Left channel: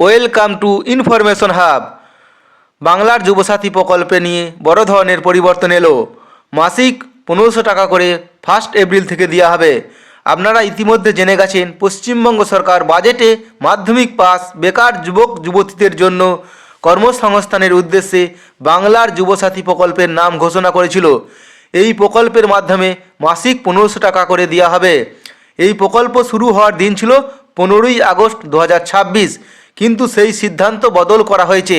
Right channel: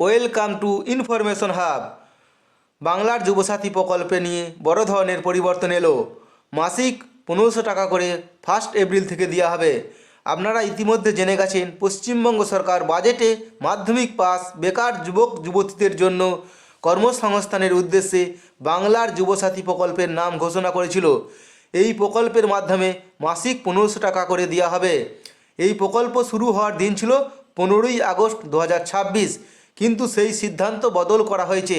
Welcome to information hub বাংলার যুবসাথী প্রকল্পে নিয়ে বড় ধরনের পরিবর্তন এলো। মাসিক পনেরোশো টাকা করে ফার্স্ট এপ্রিল থেকে দেওয়া হবে। আপনারা ইতিমধ্যে জেনে গেছেন, পশ্চিমবঙ্গ সরকার বাজেটে মাধ্যমিক পাস বেকার যুবক, যুবতীদের জন্য কর্মসংস্থানের উদ্দেশ্যে বাংলার যুবসাথী প্রকল্পের নাম ঘোষণা করেছিল। এই প্রকল্পের মাধ্যমে মাসিক পনেরোশো টাকা করে দেওয়া হবে। এই প্রকল্প শুরু হওয়ার দিন ছিল পনেরোই আগস্ট দু হাজার ছাব্বিশ। কিন্তু সেই সিদ্ধান্ত বদল করা হয়েছে।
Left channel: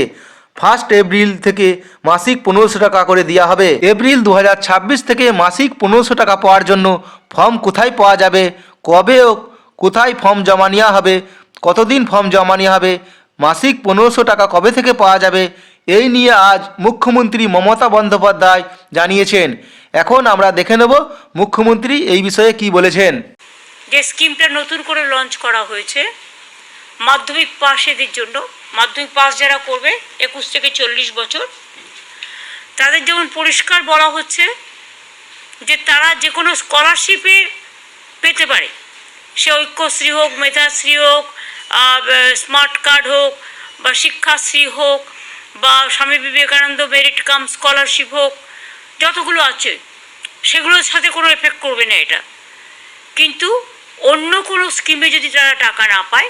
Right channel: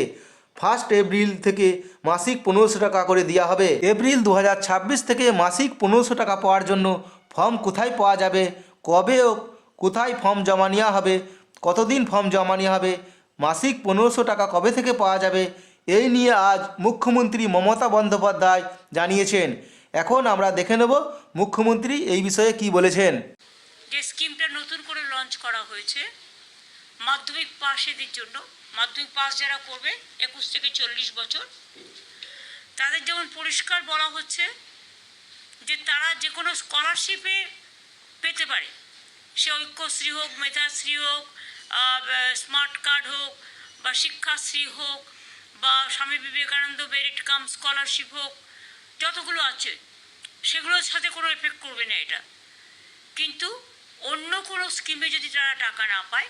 ফার্স্ট এপ্রিল থেকে মাসিক পনেরোশো টাকা করে দেওয়া হবে। এপ্রিল দু হাজার ছাব্বিশ থেকে মাসিক পনেরোশো টাকা পাওয়ার জন্য ফর্ম কোথায় পাওয়া যাবে? কবে ও কোথায় ফর্ম জমা নেওয়া হবে? কতদিন ফর্ম জমা নেওয়া হবে? মাসিক পনেরোশো টাকা কবে থেকে পাওয়া যাবে? এই নিয়ে আজ মুখ্যমন্ত্রী মমতা বন্দ্যোপাধ্যায় জানিয়েছেন। এখন আমরা দেখে নেব মুখ্যমন্ত্রী এই বিষয়ে কি বলেছেন। যে স্কিমটা নতুন করে লঞ্চ করা হয়েছে মাধ্যমিক পাশেদের জন্য। মাধ্যমিক পাস যারা করবে, একুশ থেকে চল্লিশ বছর। তাদের যেমন পরিষ্কার বলা হচ্ছে যে তারা যে কোনো স্কলারশিপে পেতে পারে। সে ঐক্যশ্রী হোক, মেধাশ্রী হোক স্মার্ট কার্ড হোক, বা শিক্ষাশ্রী হোক, বা Swami Vivekananda merit cum scholarship হোক, যতগুলো আছে, সেগুলোর সাথে কোনো এফেক্ট করবে না এটা। কিন্তু অন্য কোনো স্কিমে যদি তারা টাকা না পায়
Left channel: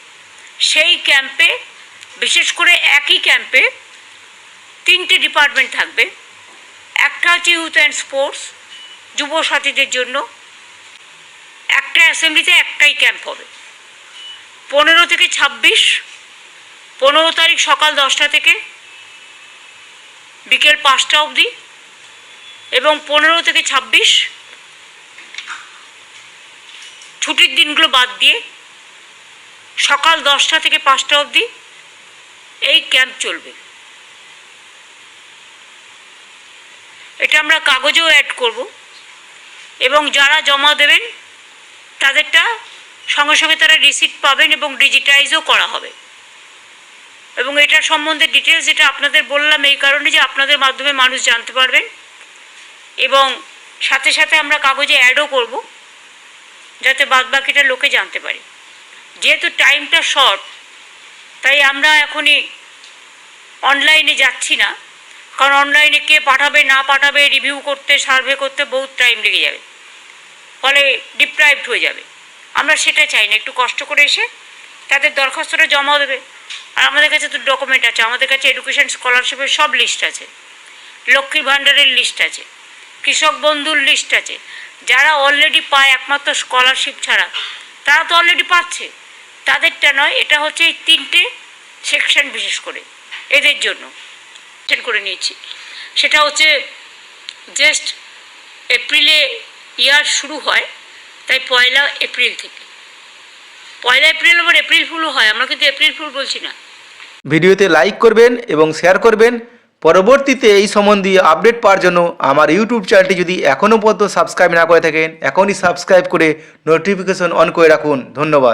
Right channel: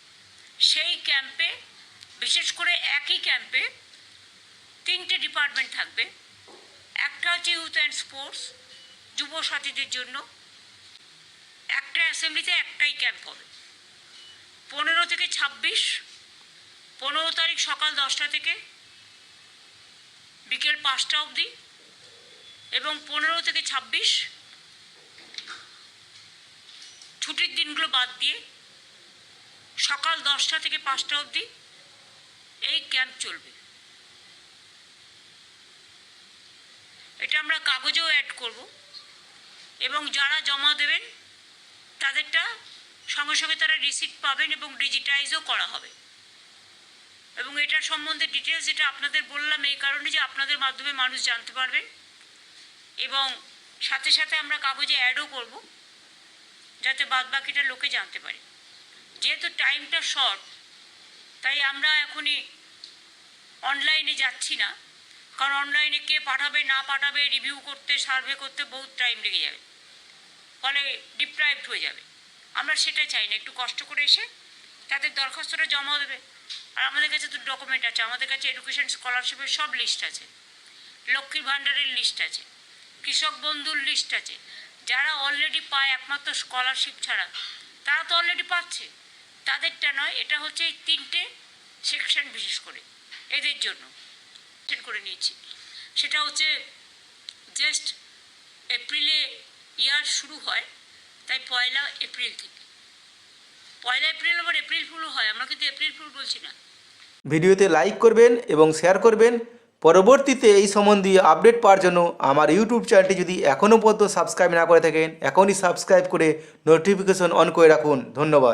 সেই ক্যাম্পে বিশেষ করে একই ক্যাম্পে তিনটে ডিপার্টমেন্ট থাকবে। একটা হচ্ছে ইউথ অ্যান্ড স্পোর্টস যুব সাথীদের জন্য। একটা অ্যাসেম্বলিতে একটাই ক্যাম্প হবে। পনেরো থেকে ছাব্বিশ, পনেরো তারিখ সকাল দশটা থেকে বিকেল পাঁচটা অবধি এবং পনেরো থেকে ছাব্বিশ, ছুটির দিনগুলো বাদ দিয়ে সকাল দশটা থেকে পাঁচটা অবধি এই ক্যাম্প চলবে। এটা আমরা কাগজেও অ্যাড করব এবং যারা জমা দেবেন, তাদেরটা সঙ্গে সঙ্গে তারা রিসিপ্ট পাবেন এবং ডিজিটাইজও করা হবে। এবং এটা সম্বন্ধে ডিটেলস যেটা আপনাদের বললাম, এই কারণে যে আপনাদের মাধ্যমে মানুষ জানতে পারবেন। এবং সাথে সাথে আমরা কাগজে অ্যাডও করব, যাতে বাদবাকিটা লোকে জানতে পারে। যেহেতু টাইমটা শর্ট তাই আমরা এখনই অনলাইনে যাচ্ছি না। কারণ অনলাইনে কে পাঠাবে, না পাঠাবে রিভিউ করতে সার্ভে করতে বহুত টাইম লেগে যাবে। ফলে ডিপ্রাইভড হয়ে যাবে। আমরা সেটা চাই না, একটু কষ্ট করে এসে তাদের দরখাস্তটা জমা দেবে। আর আমাদের কাছে তো ডকুমেন্ট আছে, আমাদের কাছে এডুকেশন স্কলারশিপের সব লিস্ট আছে। লক্ষ্মীর ভাণ্ডারের লিস্ট আছে, কৃষক বন্ধুর লিস্ট আছে। যারা অলরেডি পায় একমাত্র স্কলারশিপ ছাড়া, তারা তো অলরেডি পাচ্ছে। তাদেরটা নয়, এটা হচ্ছে এই তিনটে সেকশন বিশেষ করে, এদের জন্য করে নিয়েছি। সেটা হচ্ছে জাস্ট এপ্রিলে ইয়ার শুরু হয়, তাই পয়লা এপ্রিল থেকে। পয়লা এপ্রিল আবার এপ্রিল ফুলও হয়, আমরা কিন্তু এপ্রিল ফুল বলছি না। ভিডিওতে লাইক করবেন এবং শেয়ার করবেন। পরবর্তীতে এই সম্বন্ধীয় আপডেট পাওয়ার জন্য আমার ইউটিউব চ্যানেলটি যদি এখনও পর্যন্ত সাবস্ক্রাইব না করে থাকেন, এখনই সাবস্ক্রাইব করে নোটিফিকেশন অন করে রাখুন। ধন্যবাদ।